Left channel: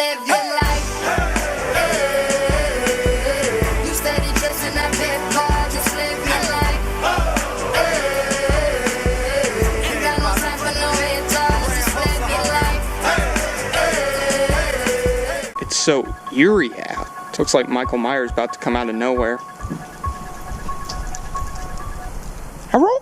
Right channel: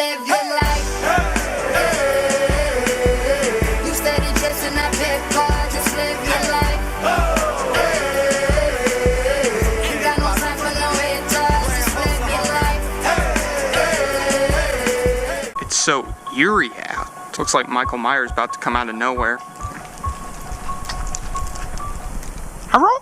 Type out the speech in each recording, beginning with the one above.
live your life. You steady chasing that big car, just live your life. Ain't got no time for no haters, just live your life. It's so eerie out. Looks like Michael Myers about to come out of nowhere.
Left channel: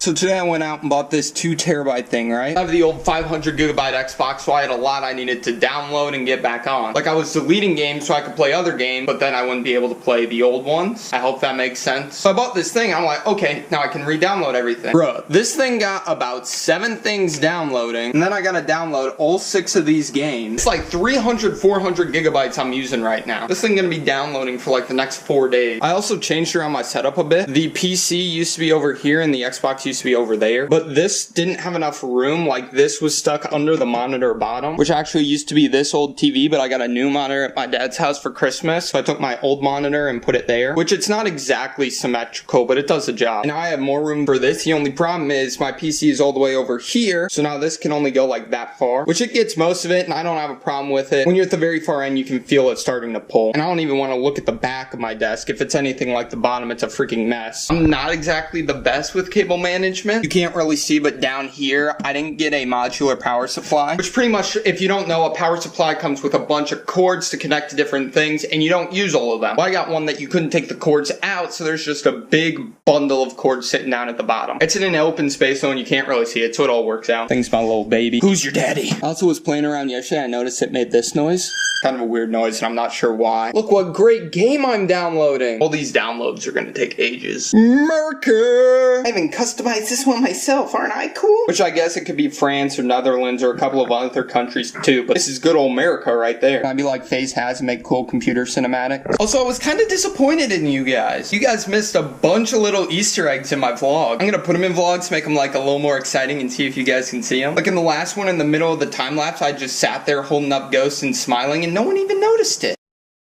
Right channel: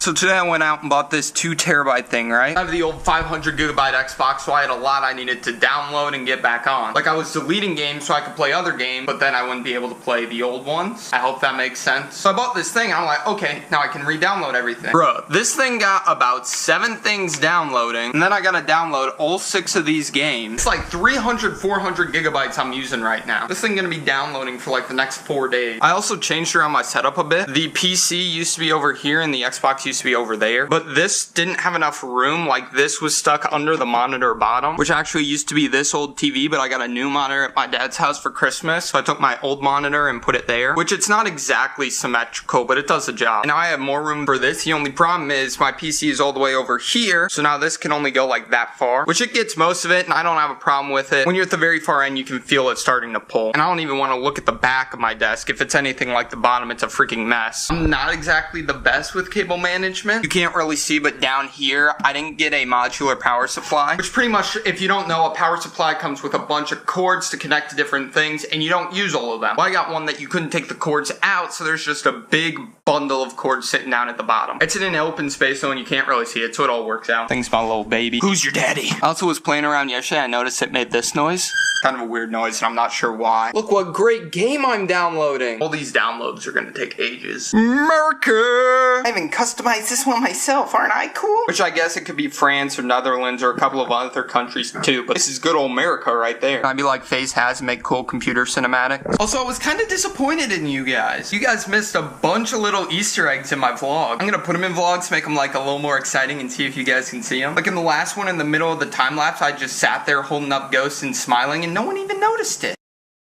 So today I went out and bought this 2 terabyte thing, right? I have the old 500 gigabyte Xbox, so I had a lot I needed to download and get back on. Like I was deleting games so I could play other games, but then I wouldn't be able to play the old ones. I hope that makes sense. So I bought this thing, I'm like, okay, now I can re-download everything. Bruh, this thing got about 7 things downloading, and then I gotta download all 6 of these games. It's like 300, 400 gigabytes I'm using right now. This thing gonna be downloading for like the next 4 days. I also changed around my setup a bit. The PC used to be over here and the Xbox used to be over there, but this didn't have enough room. Like this was stuck under the monitor bottom, which actually used to be this old TV, but I got a new monitor at my dad's house for Christmas, so I took my old monitor and put it there, which it's not exactly symmetrical, but it does the job. And now I have more room for this. The only problem is my PC is all the way over here, so now this can only go like that far, which it gets most of it, and I don't have a problem with it. When you're at the very far end, you can feel it starting to pull, and I don't even want to look at the back of my desk. If it's anything like the bottom, it's a freaking mess. I'm not exactly the best with cable management. You can't really see, but down here, I didn't get a modular power supply, which pretty much, if you don't know, a power supply comes with a bunch of cords to connect to different things, and you don't use all of them. Well, I got one that you couldn't take the cords out, so there's just a big bundle of cords sitting down at the bottom. It's in an open space, though, and you can't really see it, so it all works out. Thanks, my little baby. Who's your daddy? I also was playing around yesterday. I noticed it made this noise. Kind of a weird noise, and I'm not sure why. Look what great game I'm downloading. All these downloads are gonna take ages. America! I even customized this one myself, aren't I cool? Which I guess it could be France or Netherlands or a couple of other countries too, but this is good old America right there. I'd be like FaZe has and make cool computer cinematics. Also, I was kind of disappointed in you guys. You guys missed a bunch of little Easter eggs in my vlog. I'm gonna put them in vlogs, make them like a little more exciting and see if you guys can see them. Like in the last one in the middle of the time lapse, I just sat there holding up ghosts and smiling and no one even noticed it.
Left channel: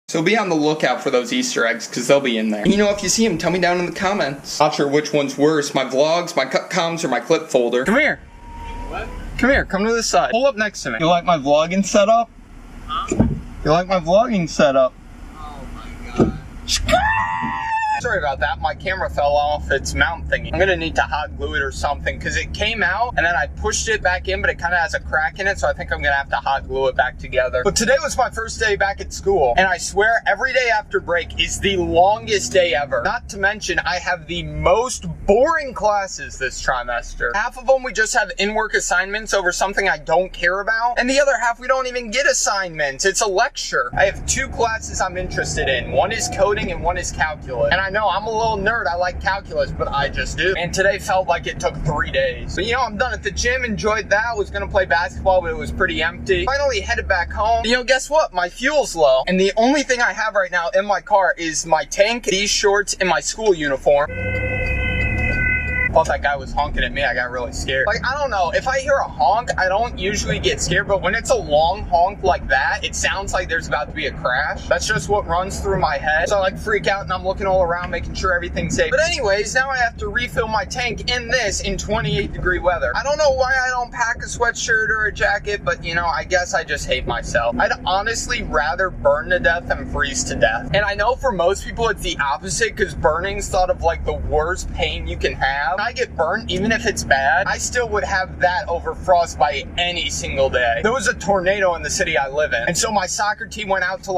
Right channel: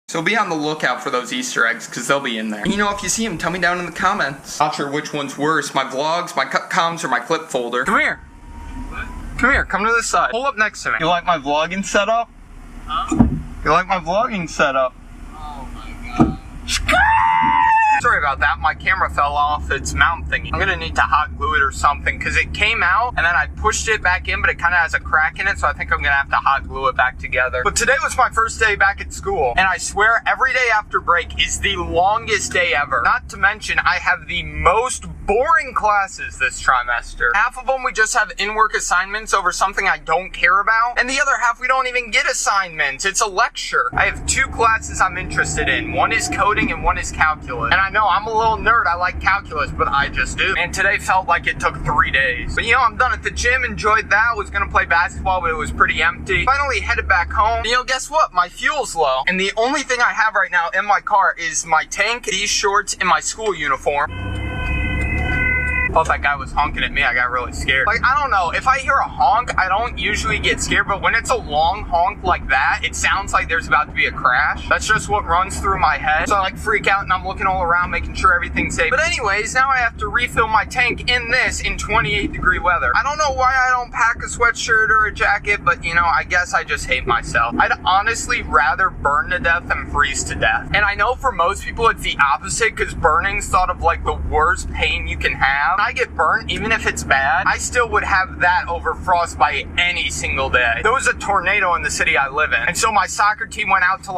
So be on the lookout for those Easter eggs, because they'll be in there. And you know, if you see them, tell me down in the comments. Not sure which one's worse, my vlogs, my cut comms, or my clip folder. Come here. What? Come here, come to this side. Pull up next to me. You like my vlogging setup? Huh? You like my vlogging setup? Oh my god. Sorry about that, my camera fell off its mount thingy. I'm gonna need to hot glue it or something, because it came out, and then I pushed it back in, but it kind of has a crack in it, so I think I'm gonna have to hot glue it back together. But today was my first day back at school, and I swear every day after break is the longest day ever. Not to mention, I have the most boring classes this trimester. Half of them we just have in-work assignments over something I don't care about, and the other half we don't even get assignments. It's a lecture. I have 2 classes I'm interested in. One is coding and one is calculus. And I know I'm a little nerd, I like calculus, but I just do. And today felt like it took 3 days. But you know, I'm done at the gym, enjoyed that, was gonna play basketball, but it was pretty empty. Finally headed back home. You know, guess what? My fuel's low. And the only thing I have right now in my car is my tank, these shorts, and my school uniform. Thought that guy was honking at me, I got really scared. Like, I don't know, if I hear a honk, I don't usually get scared, but when it's a long honk like that, it sounds like there's about to be a crash. That's just what runs through my head. So I like freak out and I'm looking all around, making sure everything's safe. But anyways, now I have to refill my tank in this in 28-degree weather. I don't know why I don't pack a sweatshirt or a jacket, but you know, I guess I just hate myself. I'd honestly rather burn to death than freeze to death. And I know for most people it's the opposite, because burning's thought of like the worst pain you can have. I get burnt, even if it's bad, I still would have that over frostbite any single day. There was a tornado in the city I live in, and so my soccer team went out to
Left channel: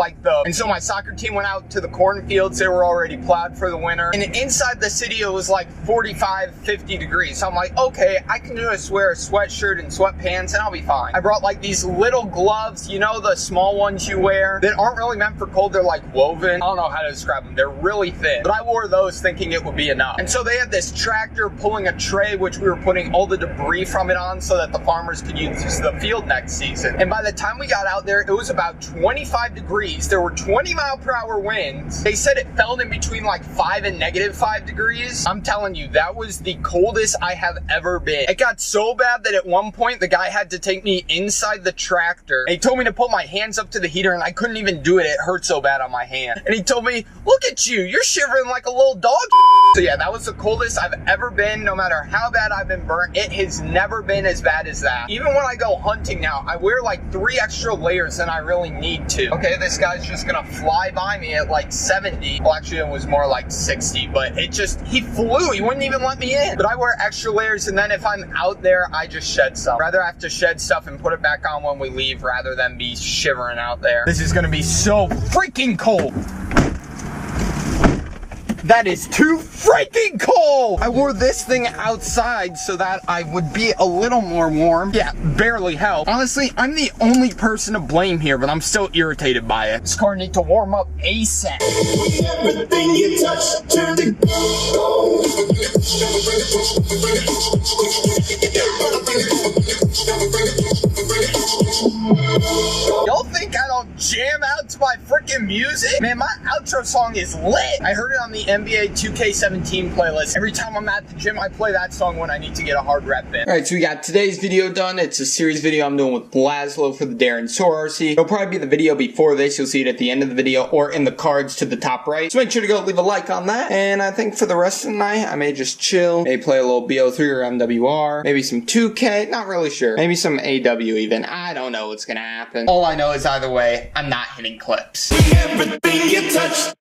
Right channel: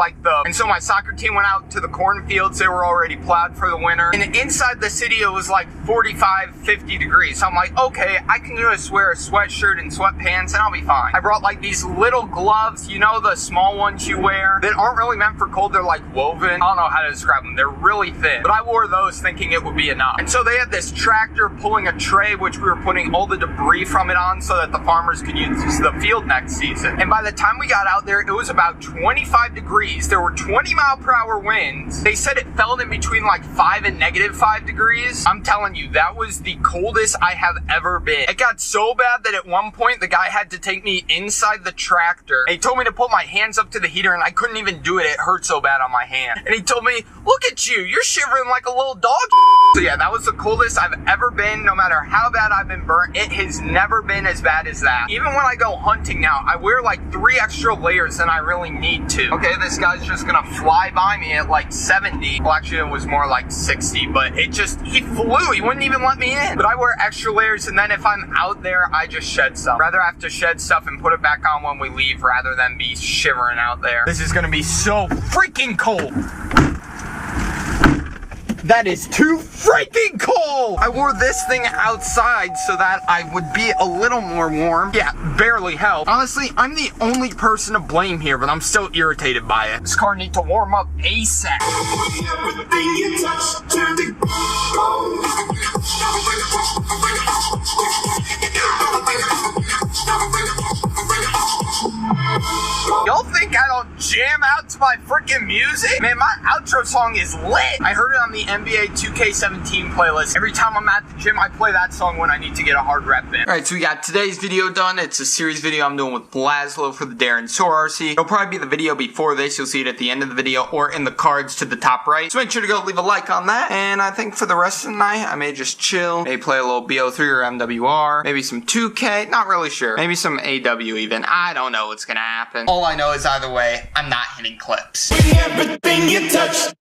the cornfields. They were already plowed for the winter, and inside the city it was like 45, 50 degrees. So I'm like, okay, I can just wear a sweatshirt and sweatpants and I'll be fine. I brought like these little gloves, you know, the small ones you wear that aren't really meant for cold. They're like woven. I don't know how to describe them. They're really thin, but I wore those thinking it would be enough. And so they had this tractor pulling a tray, which we were putting all the debris from it on so that the farmers could use the field next season. And by the time we got out there, it was about 25 degrees. There were 20-mile-per-hour winds. They said it felt in between like 5 and -5 degrees. I'm telling you, that was the coldest I have ever been. It got so bad that at one point, the guy had to take me inside the tractor. And he told me to put my hands up to the heater, and I couldn't even do it. It hurt so bad on my hand. And he told me, look at you, you're shivering like a little dog. So yeah, that was the coldest I've ever been. been, no matter how bad I've been burnt, it has never been as bad as that. Even when I go hunting now, I wear like 3 extra layers than I really need to. Okay, this guy's just gonna fly by me at like 70. Well, actually it was more like 60, but he flew. He wouldn't even let me in. But I wear extra layers, and then if I'm out there, I just shed stuff. Rather have to shed stuff and put it back on when we leave rather than be shivering out there. This is gonna be so freaking cold. That is too freaking cold! I wore this thing outside so that I would be a little more warm. Yeah, barely helped. Honestly, I'm the only person to blame here, but I'm still irritated by it. This car needs to warm up ASAP. Everything you touch turn to gold. Y'all think I don't jam out to my freaking music? Man, my outro song is lit. I heard it on the NBA 2K17 playlist. Every time I'm at the gym, I play that song when I need to get a hard rep in. Alright, so we got today's video done. It's a series video I'm doing with Laszlo for the Darren Soar RC. It'll probably be the video before this. You'll see it at the end of the video or in the cards to the top right. So make sure to go leave a like on that. And I think for the rest of the night, I may just chill. Maybe play a little BO3 or MWR. Maybe some 2K. Not really sure. Maybe some AW even. I don't know what's gonna happen. All I know is either way, I'm not hitting clips. Everything you touch